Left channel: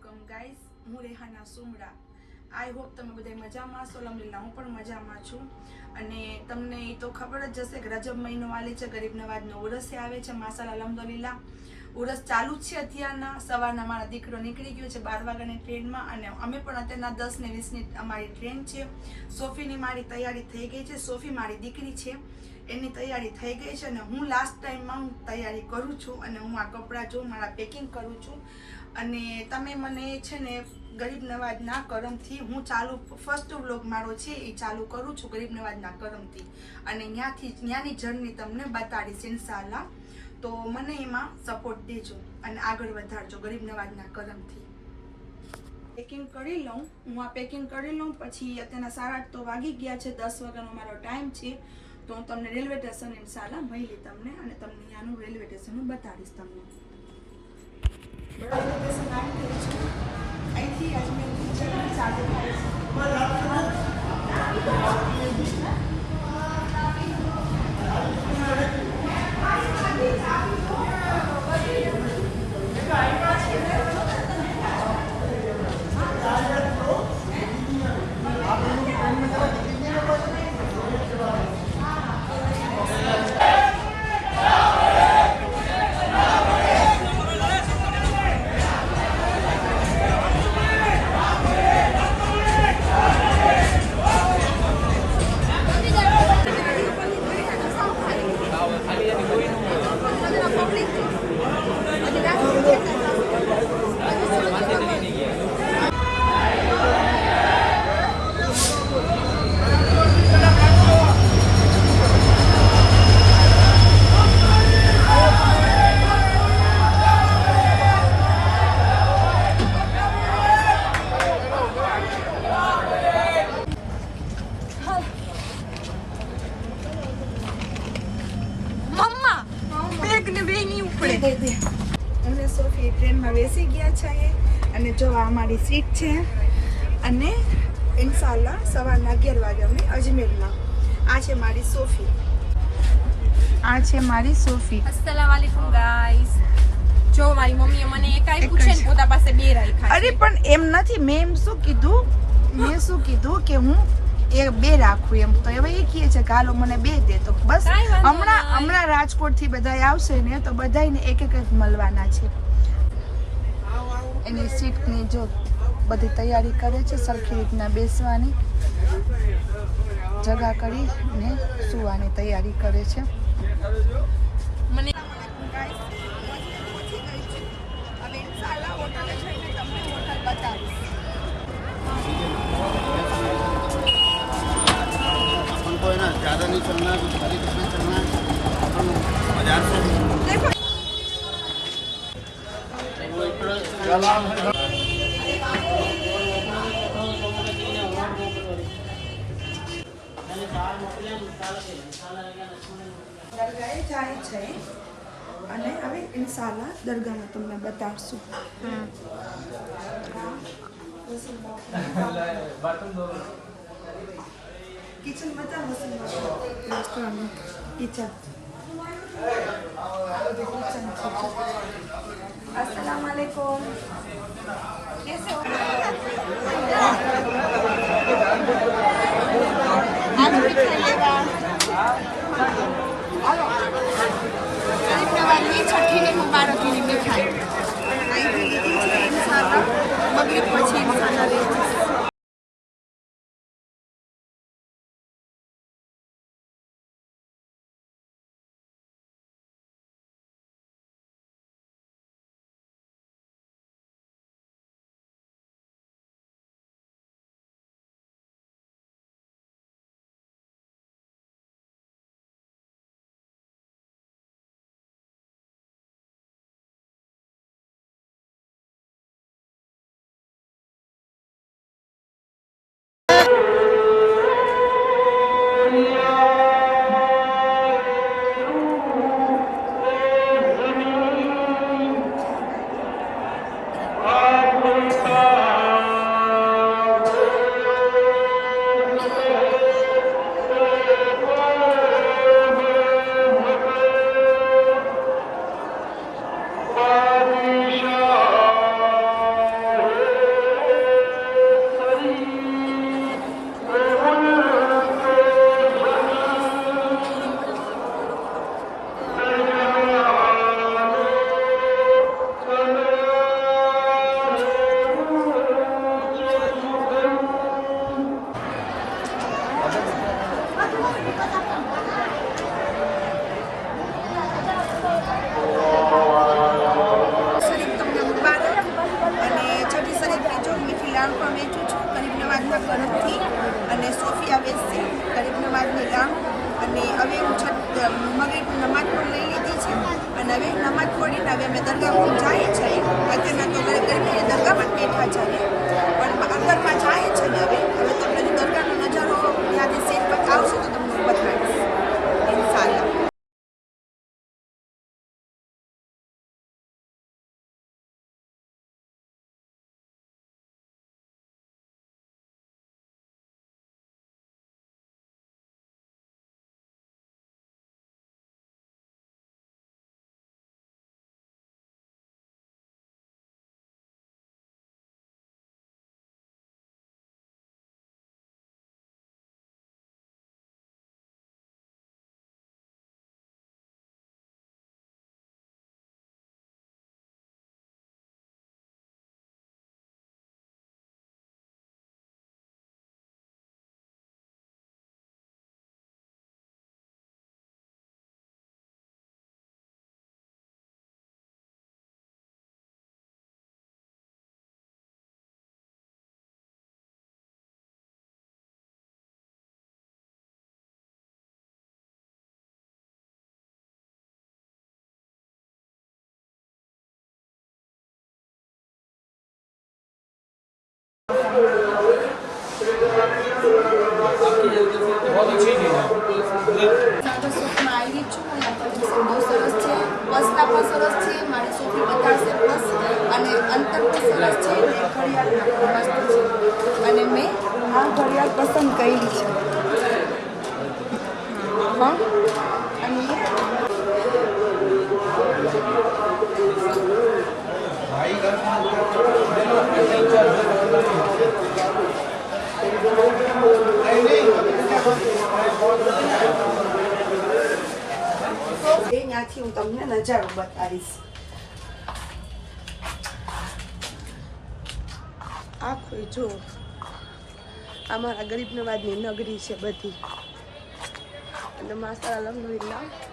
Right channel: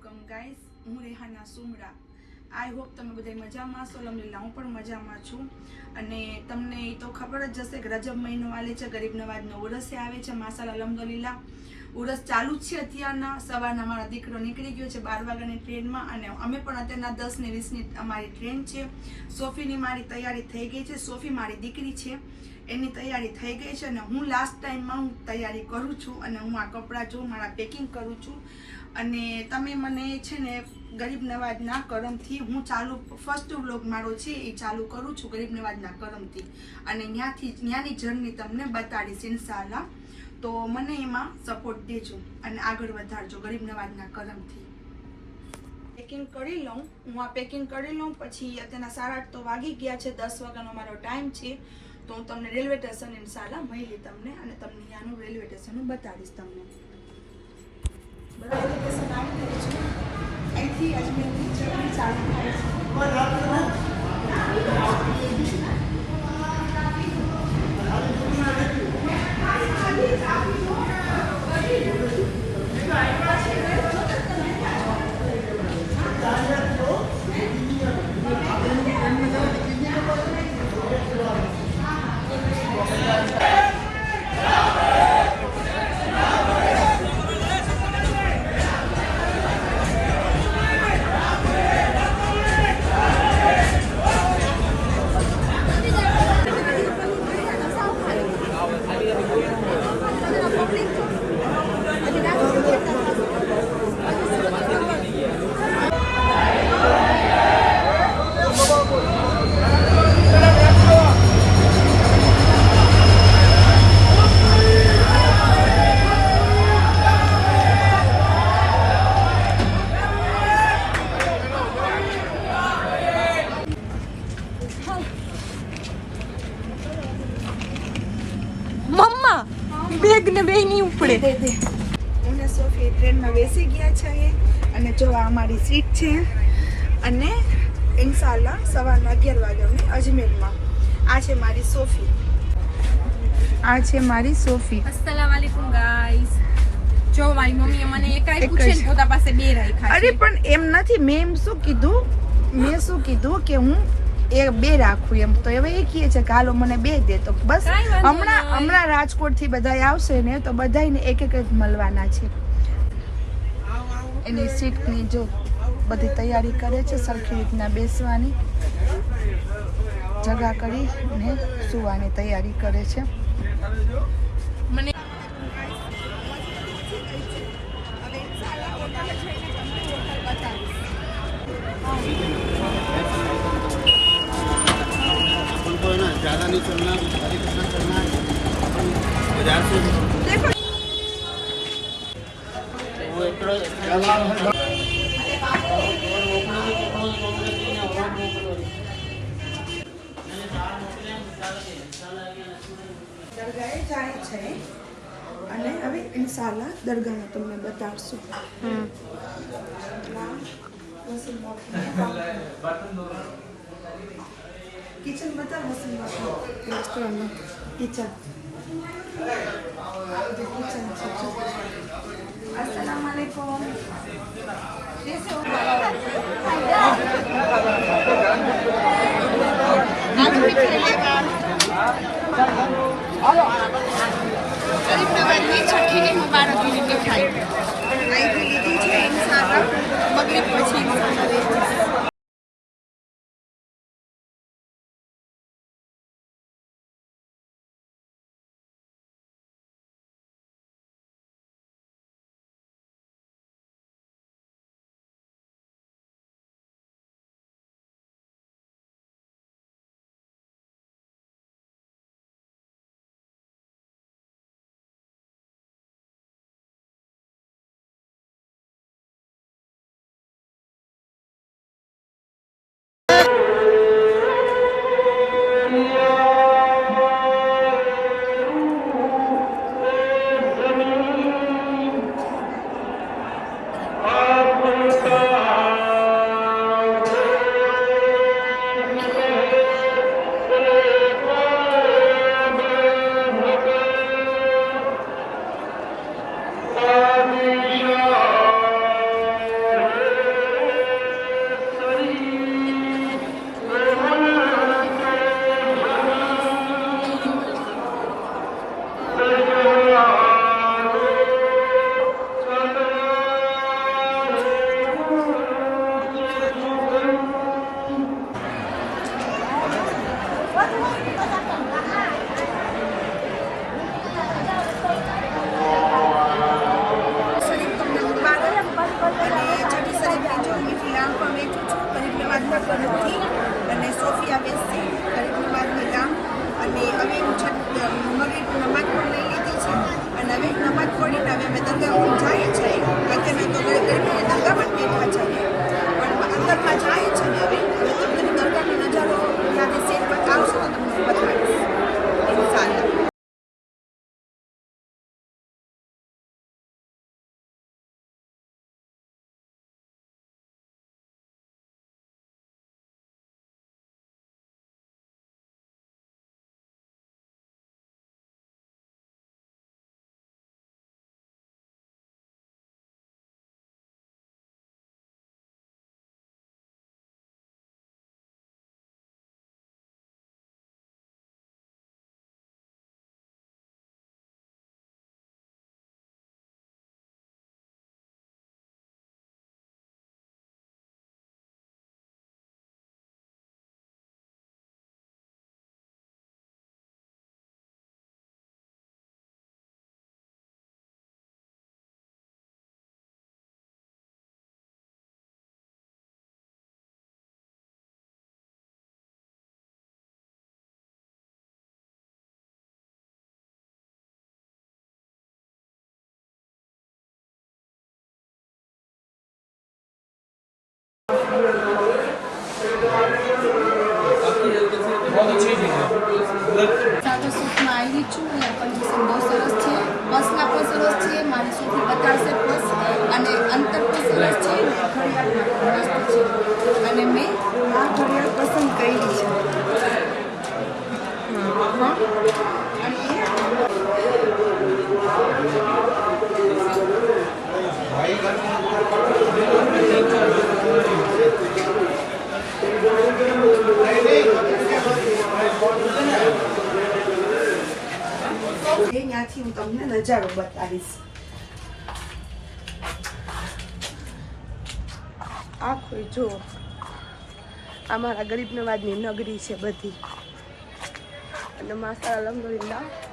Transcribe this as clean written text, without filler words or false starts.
अस्सलाम गाइस, હું Rehana Sumra. I hope તમે બધા મજામાં હશો. અલ્હમ્દુલિલ્લાહ હું પણ મજામાં છું. અને તમને એ તો ખબર જ હશે કે રજબ મહિનો આલે છે, ગરીબ નવાજનો ઉરસ આવે છે. માશાલ્લાહ અલ્હમ્દુલિલ્લાહ ઉરસ ચાલુ જ છે. અત્યારના સવારના મારા દીકરો નીકળી ગયો છે 12 વાગ્યાની ટ્રેનમાં, અને અમે પણ અત્યારના 10 ને 20ની અમારી ટ્રેન છે. સોફીની મારી તૈયારી થઈ ગઈ છે. સોફી મારી દીકરી છે, એની તૈયારી થઈ ગઈ છે. અને હું લાસ્ટ ટાઈમમાં હું તૈયારી કરું છું, અને હું આ કપડાં જો મારા પેકિંગ કરું છું. અને તમે મને છે ને ગરીબ નવાજના કરમથી હું ચાલુ ફર્સ્ટ વ્લોગ મારો છે એ ચાલુ કરું છું ગરીબ નવાજના કરમથી, અને ત્યાંની જર્ની તમને બતાડીશ ઇન્શાઅલ્લાહ. તો મને એમાં સપોર્ટ દેજો અને આગળ વધારજો ગરીબ નવાજના કરમથી. પેકિંગ કરી લઉં, હું આ પેકિંગ કરી લઉં પછી અત્યારના 8:30 તો વાગી ગયા છે. 10 વાગ્યાનો મારો ટાઈમ છે. તો હું તમને રેલવે સ્ટેશન ઇન્શાઅલ્લાહ મળી તમને, અને તમને ત્યાંનું રેલવે સ્ટેશન બતાડીશ તમને. રેલવે સ્ટેશન આવી ગઈ છું. અહીંથી અજમેરની જર્ની ચાલુ થાય છે. બેગ ને બે નહીં ઉપડે. અમે સોફી ટ્રેનમાં બેસી ગયા છે, અને જો આ અમારી સીટ છે. અને ઇન્શાઅલ્લાહ સવારના 11 વાગે અમે અજમેરમાં. આ છે મારી સોફી. અસ્સલામ વાલેકુમ ગાઈસ. જો મારી મમ્મીએ મને એક આપ્યું છે ને પોતા પાસે બે રાખ્યા અરે છે. પણ એમ નથી, મેં શું કીધું કે હું બે રાખું એમ. તો હવે એ કહે છે કે હાલો મને બે દે. તો બસ હમણાં રાજકોટ થી બધા આવશે ને તો બધાને એક એક મળવાના છે. એની સીટની જો બધી તૈયારી કરે છે, સરખી રીતના બેસવાની જગા કરી ને સુવાની તૈયારી કરે છે. મને अपन को है ना ज़्यादा नहीं चलना, कुछ भारी कितना चलना है। अपन बाजार से દરગાહે જાય છે, અને હવે ઇન્શાઅલ્લાહ દરગાહમાં તમને બતાડશું. કિચન બતાવ. Restaurant kitchen. अस्सलाम वालेकुम. कैसे हो? आज मिठाई लेगा. गरीब नवाजની છઠ્ઠીની મુબારકીની મીઠાઈ અહીંથી લીધી છે ઇન્શાઅલ્લાહ. મગરિબ પછી ઇન્શાઅલ્લાહ લેવા. ગામ પણ વેચું છું ગરીબ નવાજના ઘરથી, અને સોફિયા વેચશે ગરીબ નવાજની ગામ. અને હવે હું મગરીબ નમાજ પણ લઈ લીધી છે, અને હવે નમાજ પડીને હવે અમે દરગાહ જઈએ છીએ. અત્યારના તો ગરીબની દરગાહમાં બેઠા છીએ, પણ અંદરમાં જાય છે ને. હવે તમને દરગાહનો નજારો ત્યાં સેટ પર આવશે તો તમને બતાવીશ ઇન્શાલ્લાહ. સુખમાં આવી છું અને આપણી બહુ સરસ છે. બસના પણ સરસ છે, મારી સોફી બતાવશે બસ, અને અંતર પણ સરસ છે, ઘડિયાળ મસ્ત છે. અને મેં આ ઘડિયાળ પસંદ કરી છે. હા, અને ત્યાંથી હું તમને નજારો બતાવીશ. આખું જો અમારા ગરીબ નવાજની નગરી છે બધી, અને માસ્ટર અલહમદુલિલ્લાહ